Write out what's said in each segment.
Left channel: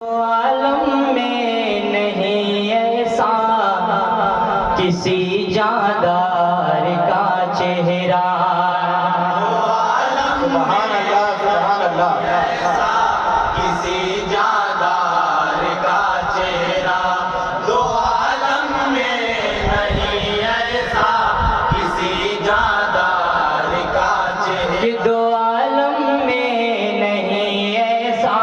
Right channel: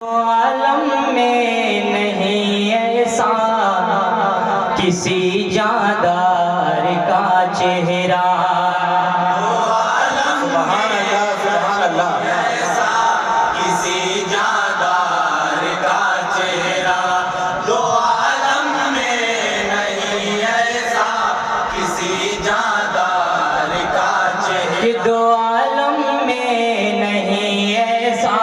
عالم میں نہیں ایسا کسی جاندار کا چہرہ، سبحان اللہ سبحان اللہ، ایسا کسی جاندار کا چہرہ، دو عالم میں نہیں ایسا کسی جاندار کا چہرہ، دو عالم میں نہیں ایسا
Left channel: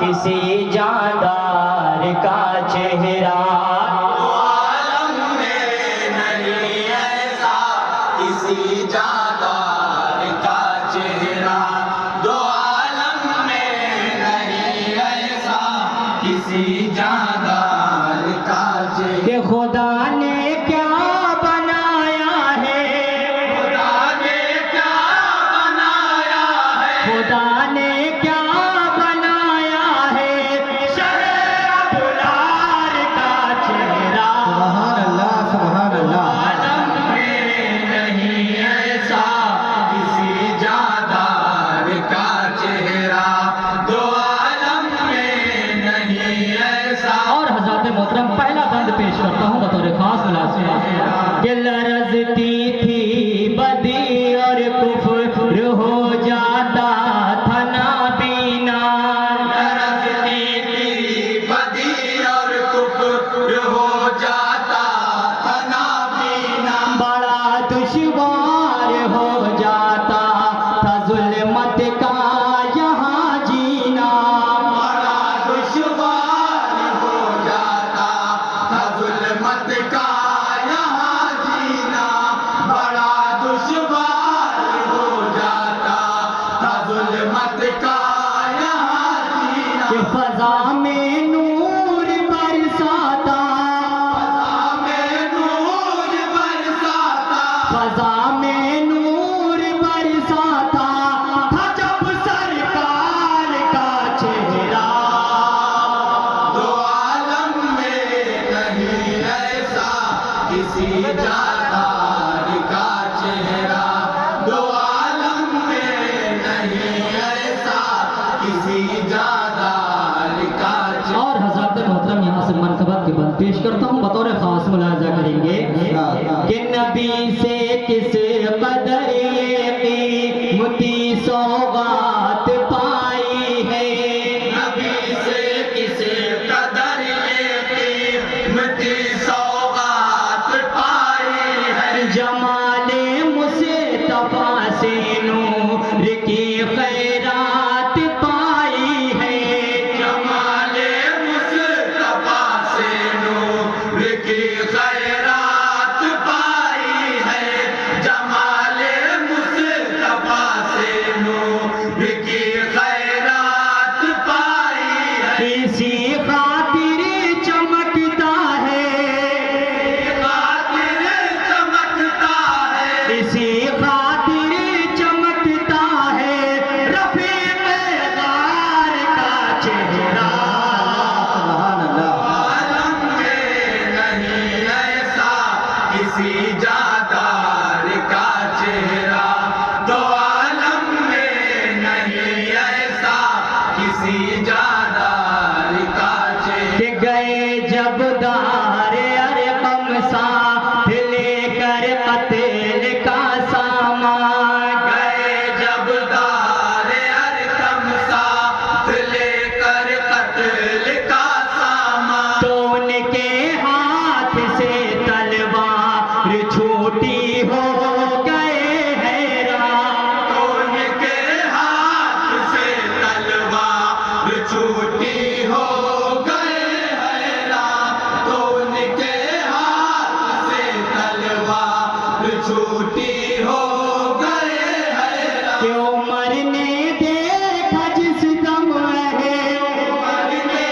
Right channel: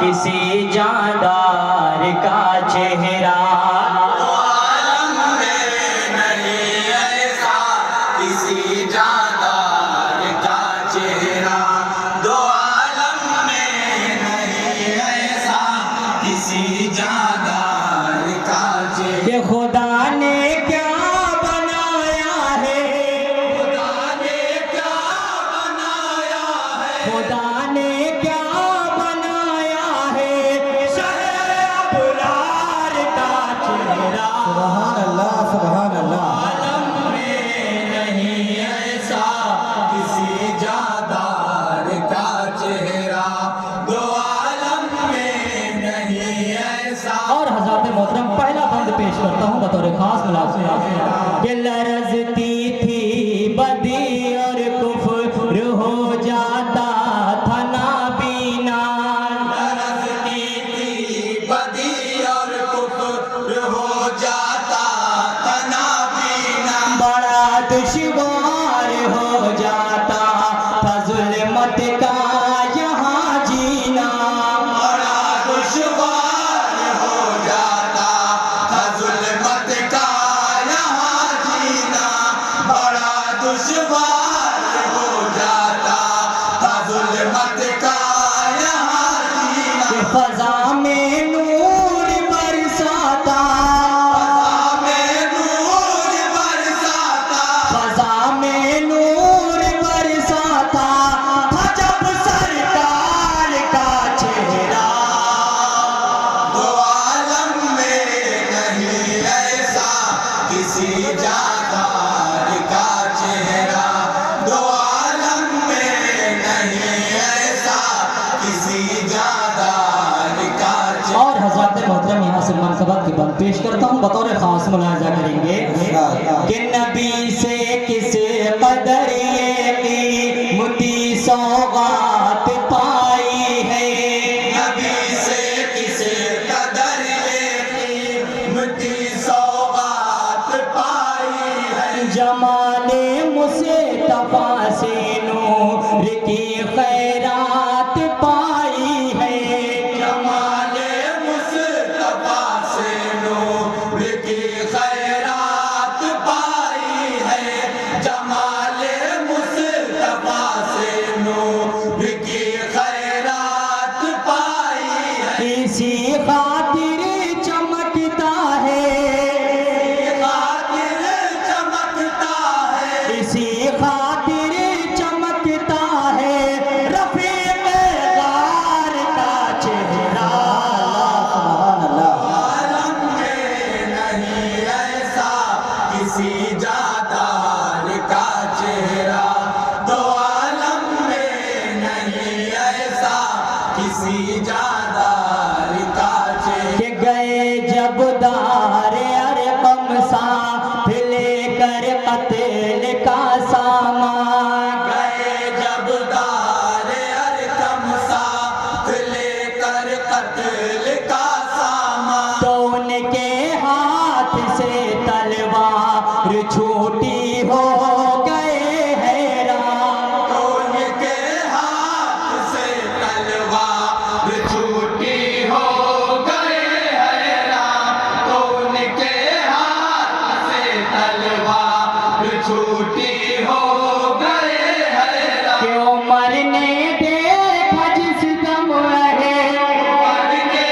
کسی جاندار کا چہرہ، دو عالم میں نہیں ایسا کسی جاندار کا چہرہ، دو عالم میں نہیں ایسا کسی جاندار کا چہرہ، کہ خدا نے کیا بنایا ہے، خدا نے کیا بنایا ہے، خدا نے کیا سبحان اللہ۔ عالم میں نہیں ایسا کسی جاندار کا چہرہ، دو عالم میں نہیں ایسا۔ اور حضرات محترم پہلا بند پیش کرتا ہوں بطور خاص ملازم، کہ لرزتی تھی بدی اور کفر ہو جاتا تھا نابینا، لرزتی تھی بدی اور کفر ہو جاتا دشوار ہو جاتا تھا ظلمت کا یہاں جینا، بڑا دشوار ہو جاتا تھا ظلمت کا یہاں جینا، بڑا دشوار ہو جاتا تھا ظلمت کا یہاں جینا، کہ فضا میں نور برساتا، فضا میں نور برساتا تھا جب سرکار کا چہرہ، دو عالم میں نہیں ایسا کسی جاندار کا چہرہ، دو عالم میں نہیں ایسا کسی جاندار کا چہرہ۔ اور حضرات محترم یہاں سے منقبت کے بند پیش کرتا ہوں بطور خاص ملاحظہ کریں گے کہ نبی سے کس قدر یہ قیمتی سوغات پائی ہے، نبی سے کس قدر یہ قیمتی سوغات پائی ہے، جمال مصطفیٰ سے نور کی خیرات پائی ہے، جمال مصطفیٰ سے نور کی خیرات پائی ہے، جمال مصطفیٰ سے نور کی خیرات پائی ہے، اسی خاطر چمکتا ہے، خاطر چمکتا ہے، اسی خاطر چمکتا ہے رفیق غار کا چہرہ، عالم میں نہیں ایسا کسی جاندار کا چہرہ، دو عالم میں نہیں ایسا کسی جاندار کا چہرہ، کہ گئے جب دار ارقم ساتھ لے کر قتل کا سامان، گئے جب دار ارقم ساتھ لے کر قتل کا سامان، تو ان کے ہاتھ سے تلوار چھوٹی ہو گئے حیران، تو ان کے ہاتھ سے تلوار چھوٹی ہو گئے حیران، تو ان کے ہاتھ سے تلوار چھوٹی ہو گئے حیران، کہ عمر نے دیکھا جس دم رہے، عمر نے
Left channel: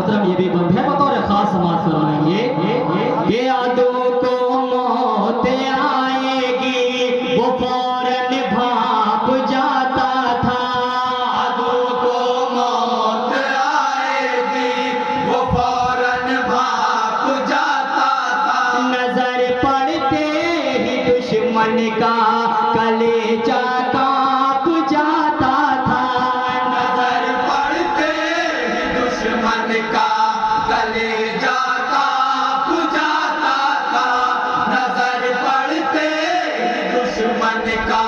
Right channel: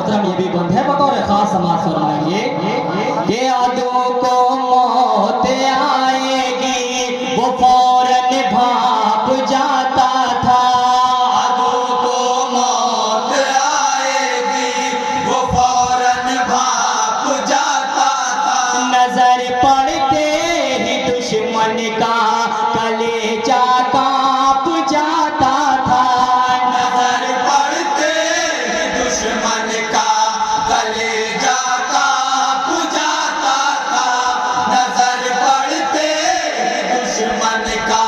मोहतरम ये भी बंद है, बतौर खास समाज फरमाएंगे कि यादों को मौत आएगी वो फौरन भाप जाता था। यादों को मौत आएगी वो फौरन भाप जाता था। नजर पड़ते ही दुश्मन का कलेजा कांप जाता था। नजर पड़ते ही दुश्मन का कलेजा कांप जाता था। नजर पड़ते ही दुश्मन का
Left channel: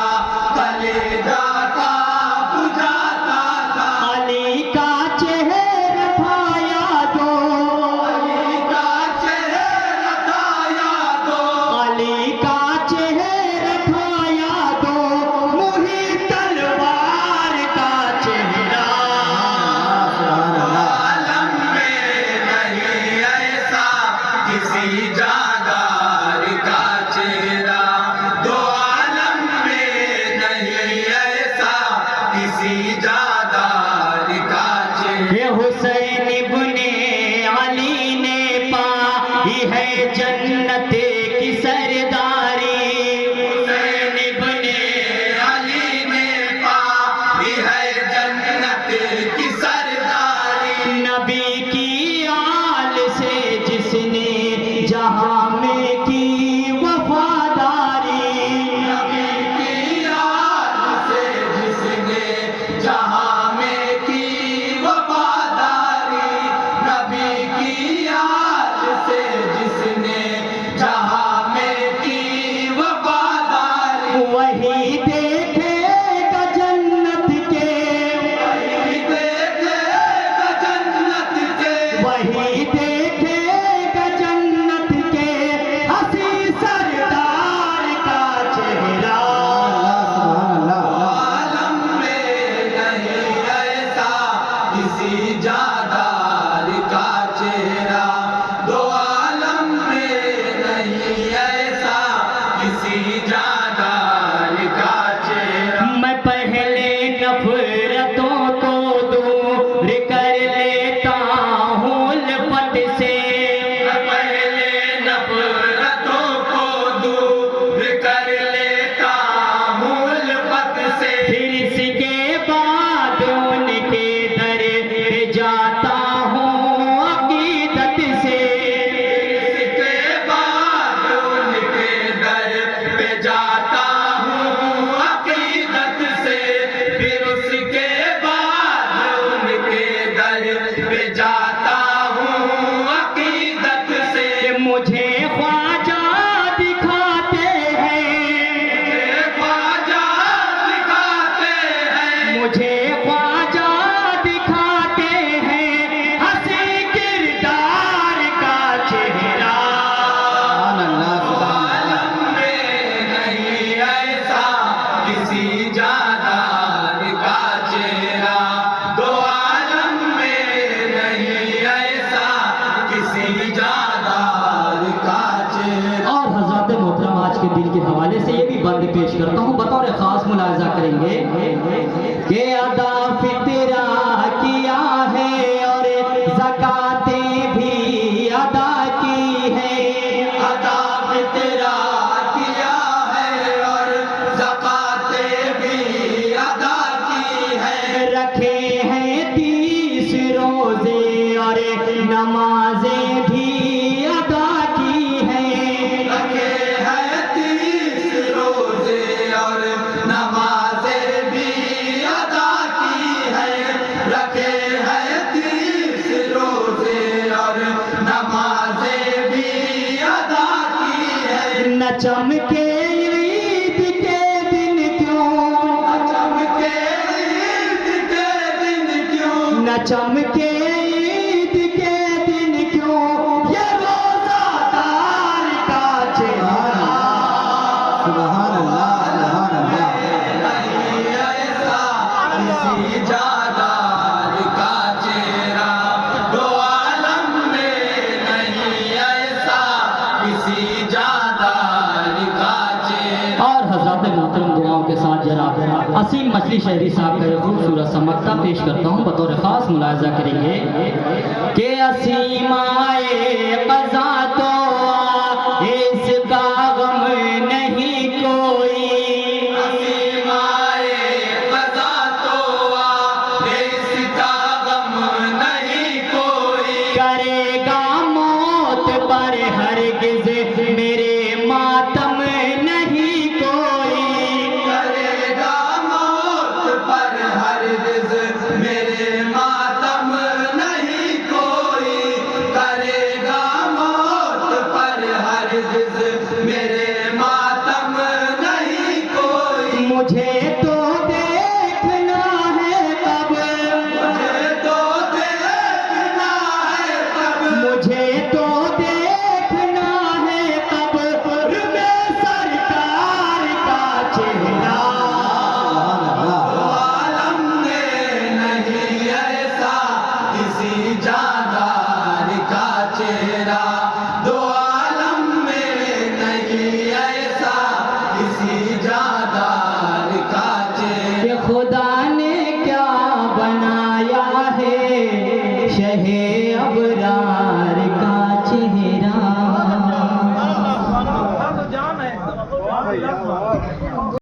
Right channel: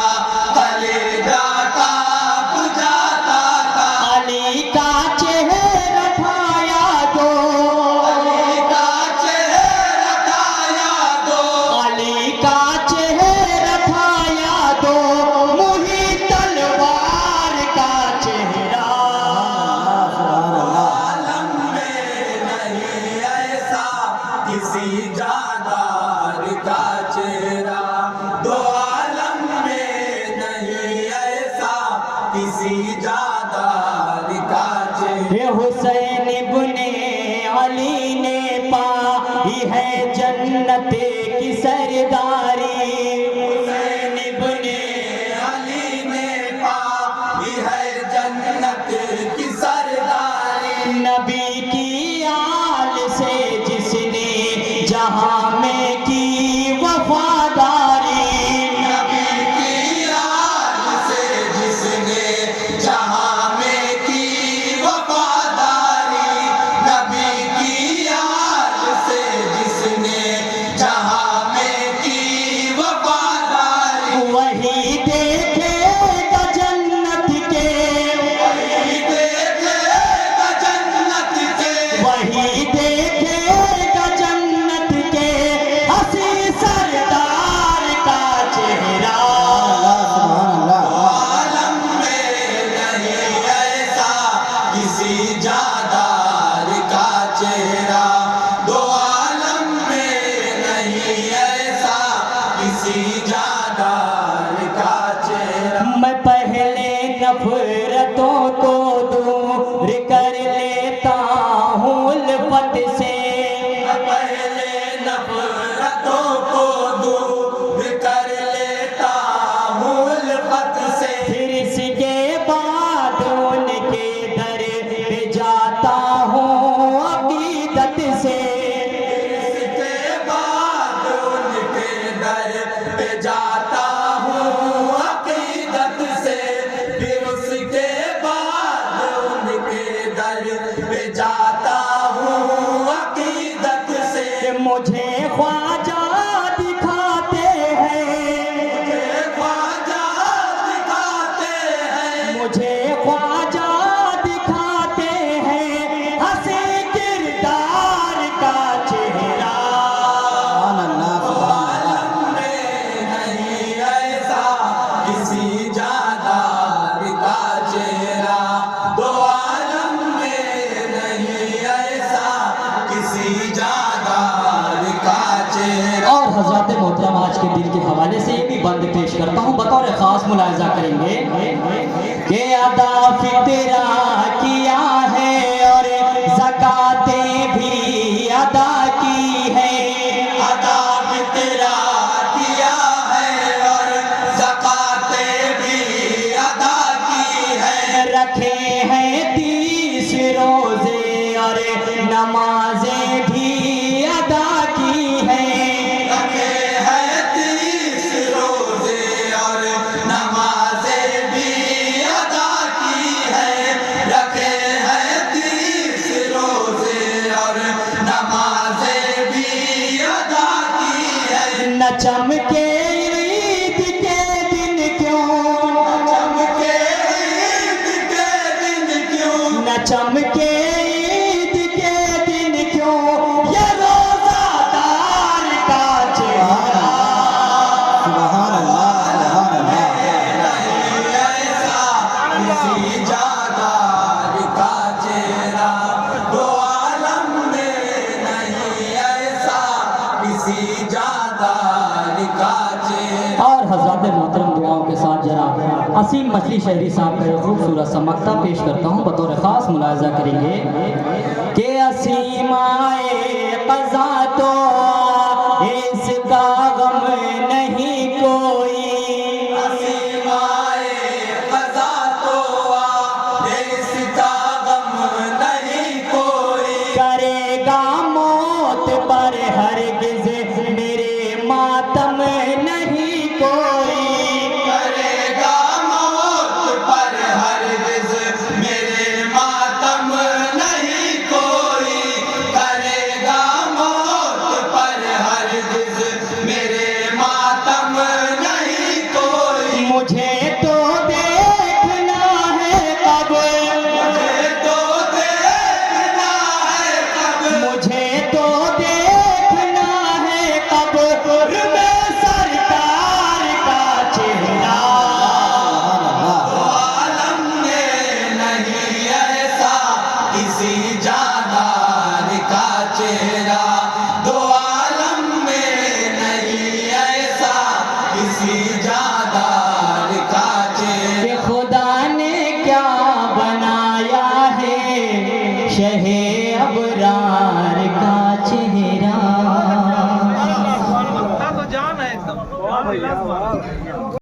कलेजा कांप जाता था। अली का चेहरा था यादों, अली का चेहरा था यादों, अली का चेहरा था यादों, मुही तलवार का चेहरा। आलम में नहीं ऐसा किसी जादार का चेहरा। दो आलम में नहीं ऐसा किसी जादार का चेहरा। ये हुसैन इब्ने अली ने पाई है जन्नत की सरदारी। हुसैन इब्ने अली ने पाई है जन्नत की सरदारी। नबी की आल से जिसने जहां में की वफादारी। नबी की आल से जिसने जहां में की वफादारी। नबी की आल से जिसने जहां में की वफादारी। वही देखेगा जन्नत के, वही देखेगा जन्नत के, वही देखेगा जन्नत के हंसी सरदार का चेहरा। आलम में नहीं ऐसा किसी जादार का चेहरा। दो आलम में नहीं ऐसा किसी जादार का चेहरा। मैं पहले नफरतों को दूर कर लेता हूँ उल्फत से। पहले नफरतों को दूर कर लेता हूँ उल्फत से। फिर इसके बाद उनके दर पे जाता हूँ अकीदत से। इसके बाद उनके दर पे जाता हूँ अकीदत से। फिर उसके बाद उनके दर पे जाता हूँ अकीदत से। मुझे ख्वाजा दिखाते हैं, ख्वाजा दिखाते हैं, मुझे ख्वाजा दिखाते हैं हंसी किरदार का चेहरा। आलम में नहीं ऐसा किसी जादार का चेहरा। दो आलम में नहीं ऐसा किसी जादार का चेहरा। और हजरत मोहतरम आज के दिन के हवाले से ये भी बंद पेश करता हूँ, बतौर खास मुलाजा करेंगे कि अदा फितरा किया है और ज़कातें भी अदा की है। अदा फितरा किया है और ज़कातें भी अदा की है। रखे हैं 30 रोजे और नमाजें भी अदा की हैं। रखे हैं 30 रोजे और नमाजें भी अदा की है। रखे वसीम मछली शहरी साहब का एक खूबसूरत सा मक्ता पेश करता हूँ, बतौर ख़ास मुलाहिज़ा करेंगे कि असीमाए क़ज़ा तो इसका गम नहीं कोई, असीमाए क़ज़ा तो इसका गम नहीं कोई, करेगा मौत पर हरगिज़ मेरे मातम नहीं कोई, करेगा मौत पर हरगिज़ मेरे मातम नहीं कोई, करेगा मौत पर हरगिज़ मेरे मातम नहीं कोई। मुझे तो देखना है कब, मुझे तो देखना है कब, मुझे तो देखना है कब में सरकार का चेहरा, आलम में नहीं ऐसा किसी जादार का चेहरा, दो आलम में नहीं ऐसा किसी जादार का चेहरा। कि खुदा ने क्या बनाया है शहे अबरा